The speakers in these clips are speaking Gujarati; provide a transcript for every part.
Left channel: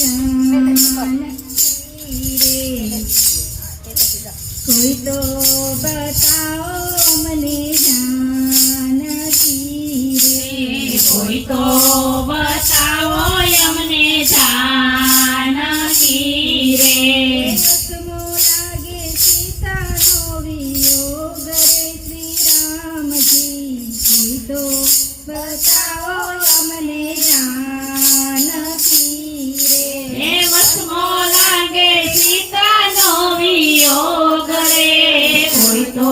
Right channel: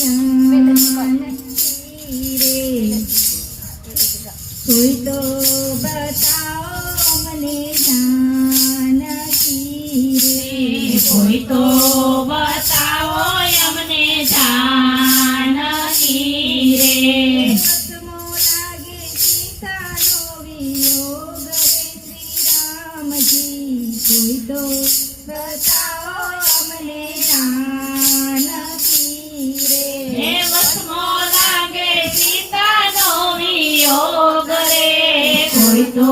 जानकी रे कोई तो बताओ अमने जानकी रे कोई तो बताओ अमने जानकी रे कसमो लागे सीता नो वियोग रे श्री राम जी कोई तो बताओ अमने जानकी रे हे वसमो लागे सीतानो वियोग रे कोई तो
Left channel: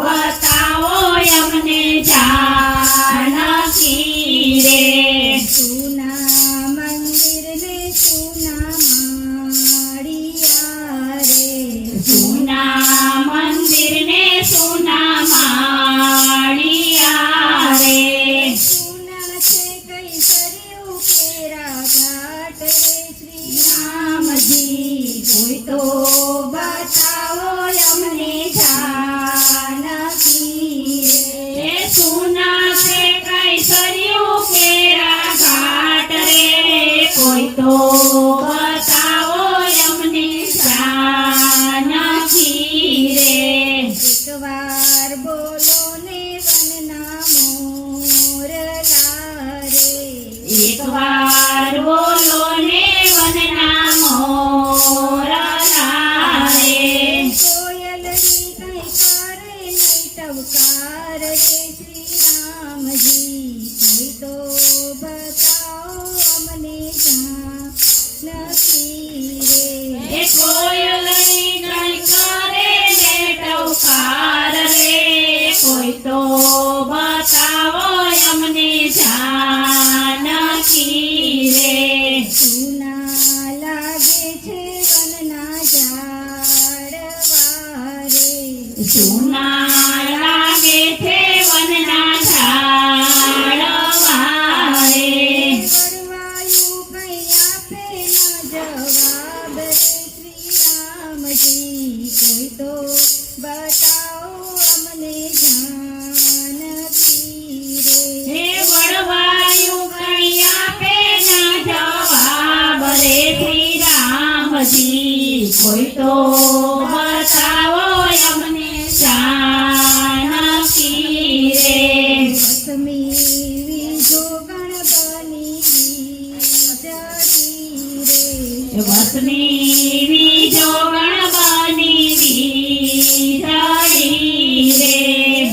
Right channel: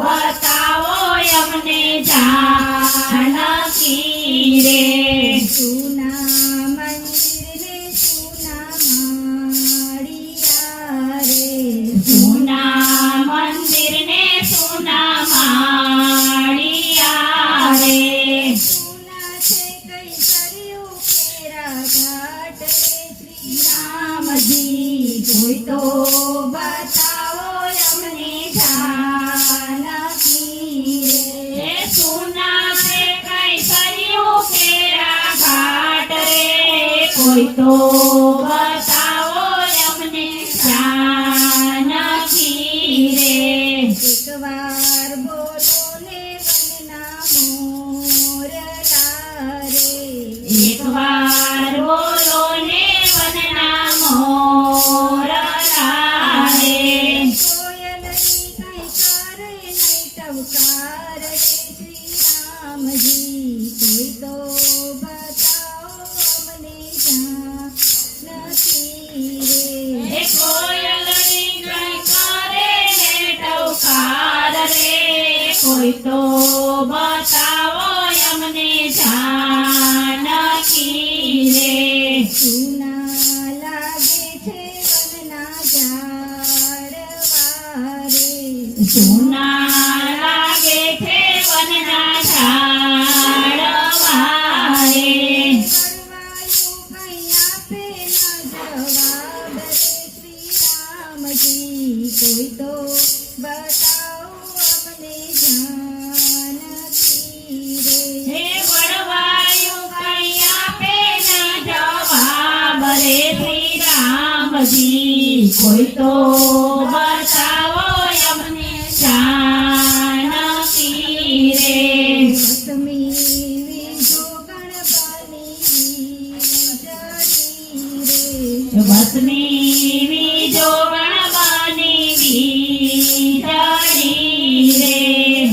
बताओ अमने जानकी रे सुना मंदिर ने सुना माड़िया रे सुना मंदिर ने सुना माड़िया रे सुना छे कई सरियो केरा घाट रे श्री राम जी कोई तो बताओ अमने जानकी रे हे सुना से कई सरियो केरा घाट रे कोई तो बताओ अमने जानकी रे एक बार बोलो ने वनना मोरला रे एक बार बोलो ने वनना मोरला रे कोयलनी कई करे नहीं टवकार रे श्री राम जी कोई तो बताओ अमने जानकी रे हे कोयलनी कई करे ने टवकार रे कोई तो बताओ अमने जानकी रे सुना लागे छे वनना झाड़वा रे सुना लागे छे वनना झाड़वा रे करवाયું કઈ આપે ના જવાબ રે શ્રી રામજી કોઈ તો બતાવો અમને जानकी રે હે વડવાયું કઈ આપે ના જવાબ રે શ્રી રામજી કોઈ તો બતાવો અમને जानकी રે કશ્મીરી જોગણ બની જડી રે વસમી બીજો ગણવાની વીજળી રે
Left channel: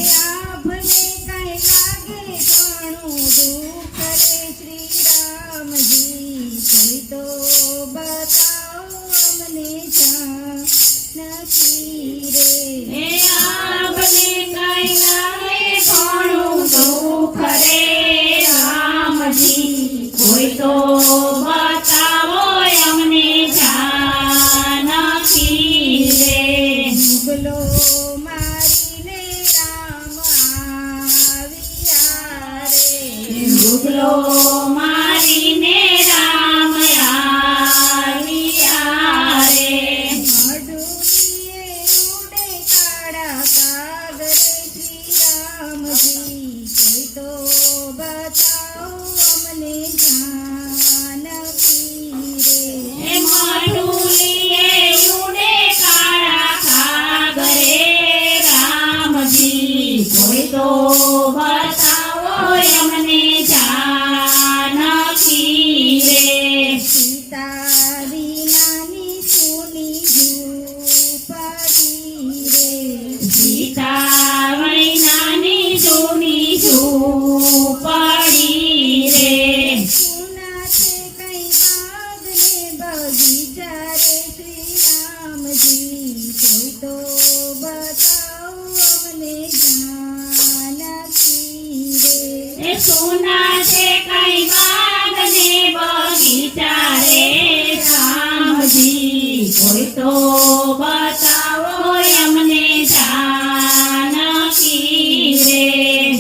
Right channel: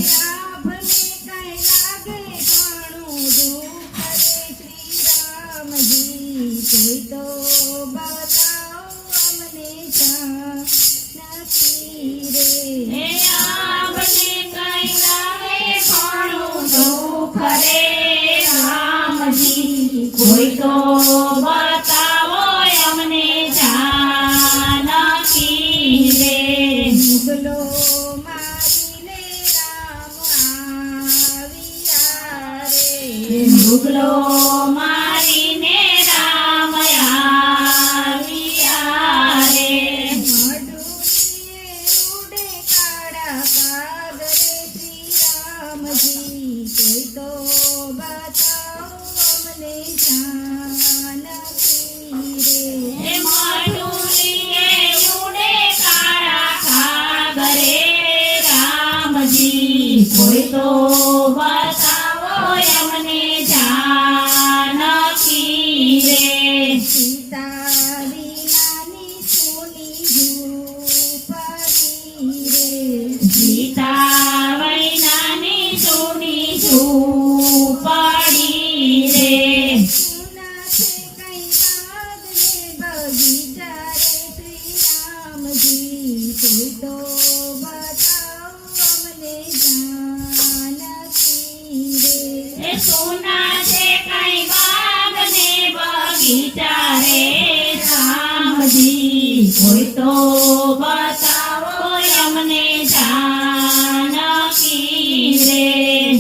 લાભને કઈ લાગે ઘણું દુઃખ રે શ્રી રામજી કોઈ તો બતાવો અમને जानकी રે હે આપને કઈ લાગે ઘણું દુઃખ રે રામજી કોઈ તો બતાવો અમને जानकी રે મુગલો મારીને રામ આવ્યા રે મુગલો મારીને રામ આવ્યા રે મડુલીએ ઉડે કાળા કાગ રે શ્રી રામજી કોઈ તો બતાવો અમને जानकी રે હે માડુલીએ ઉડે કાળા કાગ રે રામજી કોઈ તો બતાવો અમને जानकी રે સીતા વિનાની સુની ઝૂંપડી રે સીતા વૈનાની જૂની ઝૂંપડી રે સુના છે કઈ બાગ ને બગીચા રે શ્રી રામજી કોઈ તો બતાવો અમને जानकी રે હે સોના છે કઈ બાગ ને બગીચા રે રામજી કોઈ તો બતાવો અમને जानकी રે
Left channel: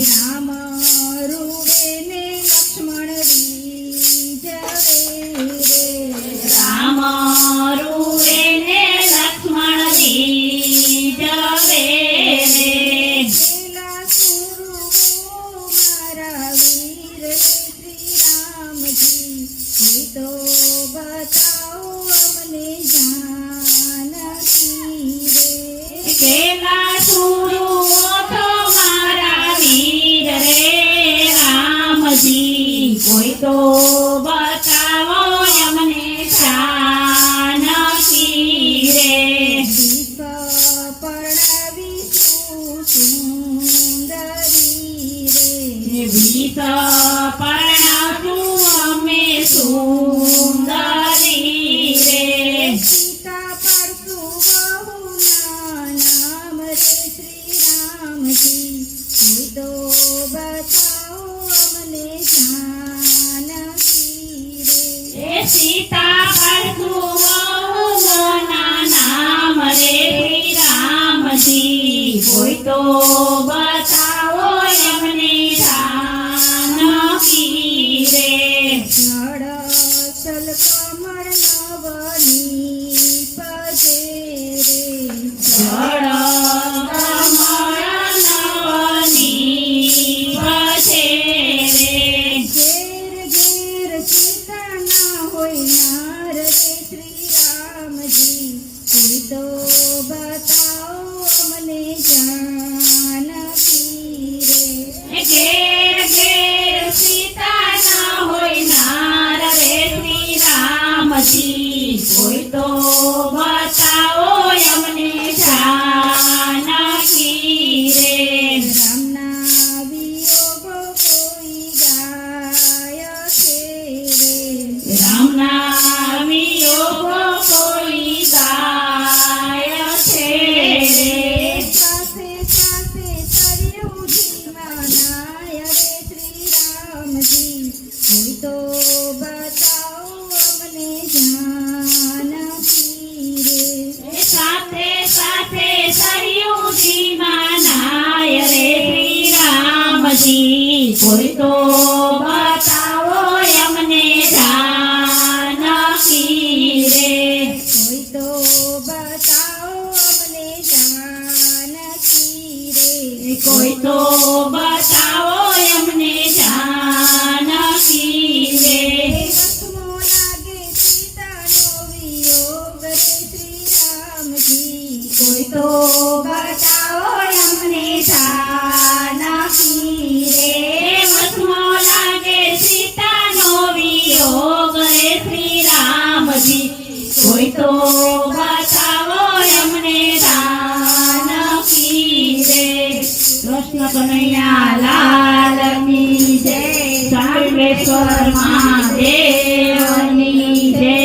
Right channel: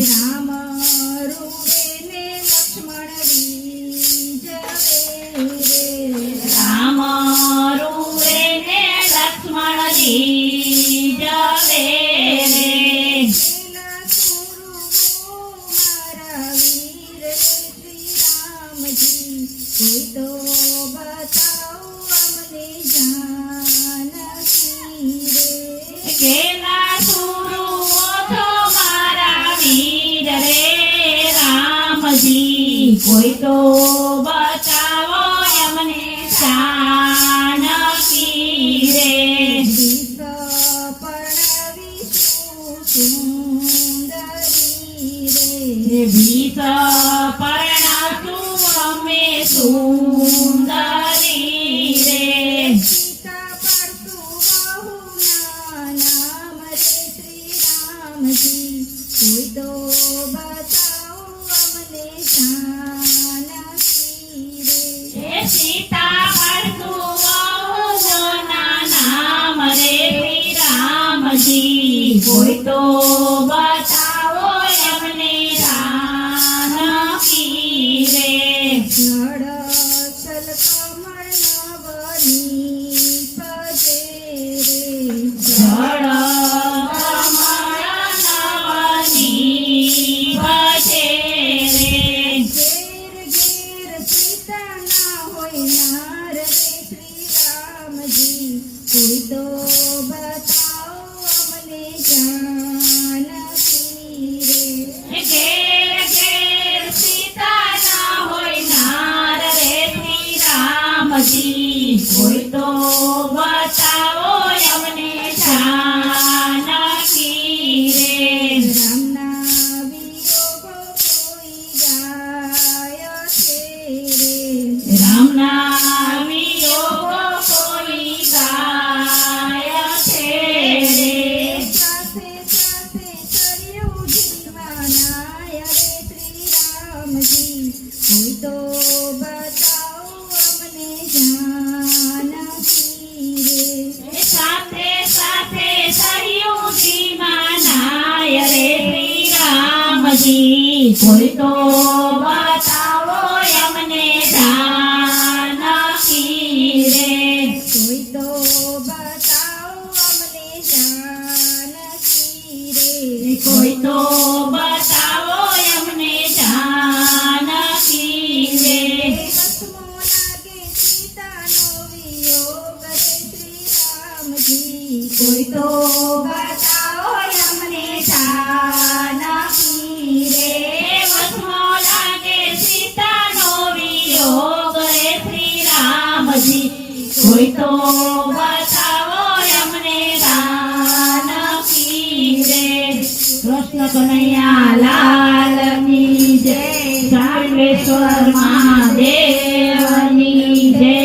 રામ રૂવે ને લક્ષ્મણ રીઝવે રે રામ રૂવે ને લક્ષ્મણ રીઝવે રે પેલા સુરવો મારા વીર રે શ્રી રામજી કોઈ તો બતાવો અમને જાનકી રે કેલા સુરુઓ તો મારા વીર રે રામજી કોઈ તો બતાવો અમને જાનકી રે ગીત પરણવીશું સુંદરી રે વિષ પરણાતું અમે સુંદરી રે સીતા પરસુ બહુના નામ રે શ્રી રામજી કોઈ તો બતાવો અમને જાનકી રે હે સીતા પરશુઓના નામ રે શ્રી રામજી કોઈ તો બતાવો અમને જાનકી રે જળ કમળ નવની પજે રે જળ કમળ નવની પછે રે ઘેર ઘેર સીતા ના હોય નાર રે શ્રી રામજી કોઈ તો બતાવો અમને જાનકી રે ઘેર ઘેર સીતા ના હોય નાર રે શ્રી રામજી કોઈ તો બતાવો અમને જાનકી રે રામના વિયોગો કોઈ ગાય છે રે રામના વિયોગો કોઈ ગાય છે રે સાથે સાથે સર્યું જીવનાય રે શ્રી રામજી કોઈ તો બતાવો અમને જાનકી રે સાથે સાથે સરયુજી માનાય રે શ્રી રામજી કોઈ તો બતાવો અમને જાનકી રે કોઈ તો બતાવો અમને જાનકી રે કોઈ તો બતાવો અમને જાનકી રે વસમો લાગે સીતાનો વિયોગ રે શ્રી રામજી કોઈ તો બતાવો અમને જાનકી રે વસમો લાગે સીતાનો વિયોગ રે શ્રી રામજી કોઈ તો બતાવો અમને જાનકી રે કૃષ્ણ કનૈયા લાલની જય સાર્વેશ્વર મહાદેવની જય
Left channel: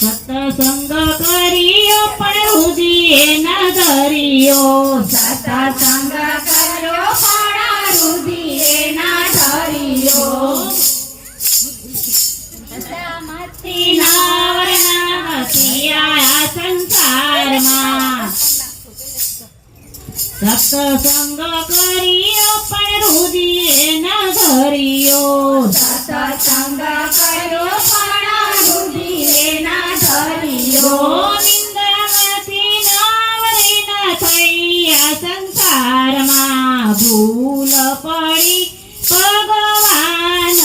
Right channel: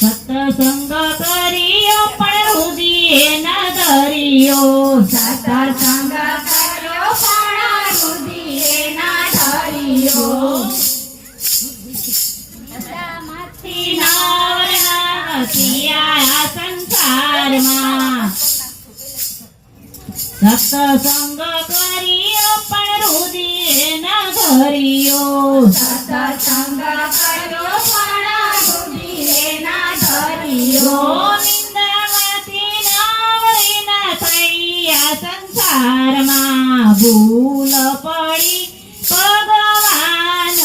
સત્સંગ કર્યો પણ રુધિએ ન ધર્યો સત્સંગ કર્યો પણ રુધિએ ન ધર્યો માંથી નવરના નથી આયા સંસારમાં સત્સંગ કર્યો પણ રુધિએ ન ધર્યો સત્સંગ કર્યો પણ રુધિએ ન ધર્યો નિંદામાંથી નાવરી ન થયા સંસારમાં ભૂલ પડી ભગવાન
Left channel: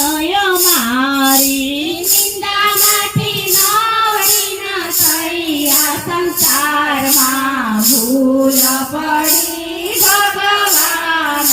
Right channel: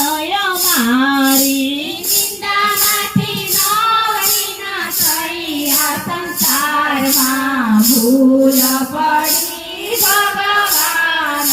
મારી નિંદામાંથી નાવરી ન થયા સંસારમાં ભૂલ પડી ભગવાન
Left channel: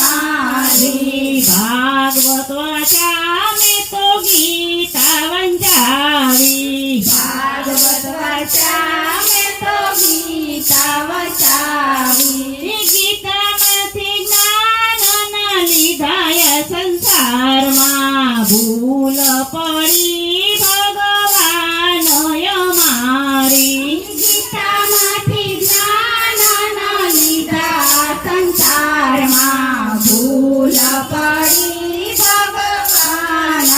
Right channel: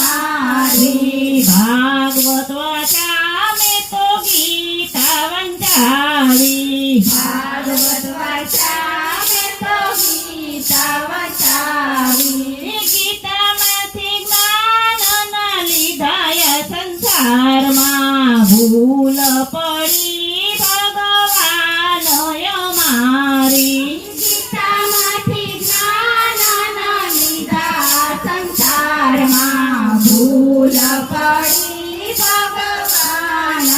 મારી ભાગવત વાચા મેં તો ગીતા વંચાવી ભાગવત વાચા મેં તો ગીતા વંચાવી ગીતામાંથી જ્ઞાન લીધાય સંસારમાં ભૂલ પડી ભગવાન મારી ગીતામાંથી જ્ઞાન લીધા સંસારમાં ભૂલ પડી ભગવાન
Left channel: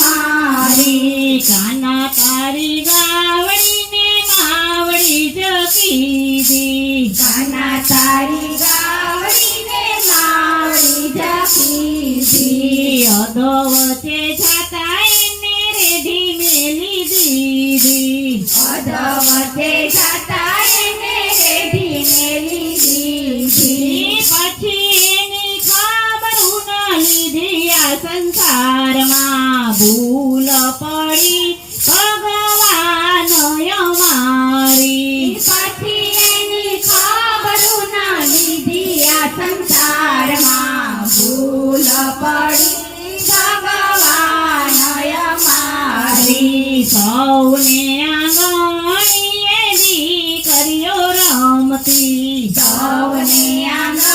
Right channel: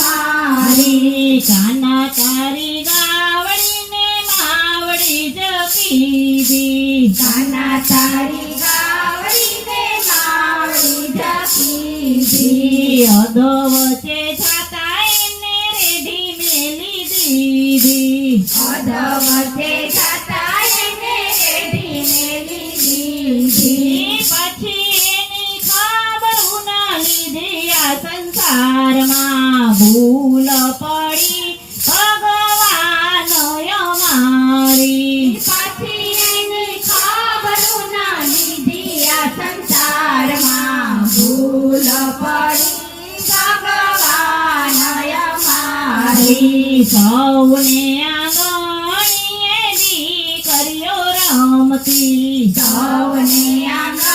મારી કાના તારી ગાવડીને માવડી જ કીધી કાના તારી ગાવડીને માવડી જ કીધી અધવચે જાતા એને રેડી મેલી દીધી અધવચે જાતા એને રેડી મેલી દીધી પછી એની ખબર ન લીધી આ સંસારમાં ભૂલ પડી પડી ભગવાન અમારી પછી એની ખબરું ના લીધી આ સંસારમાં ભૂલ પડી ભગવાન અમારી સૌને આંગણીએ દીકરીઓ રમતી સૌને આંગણીએ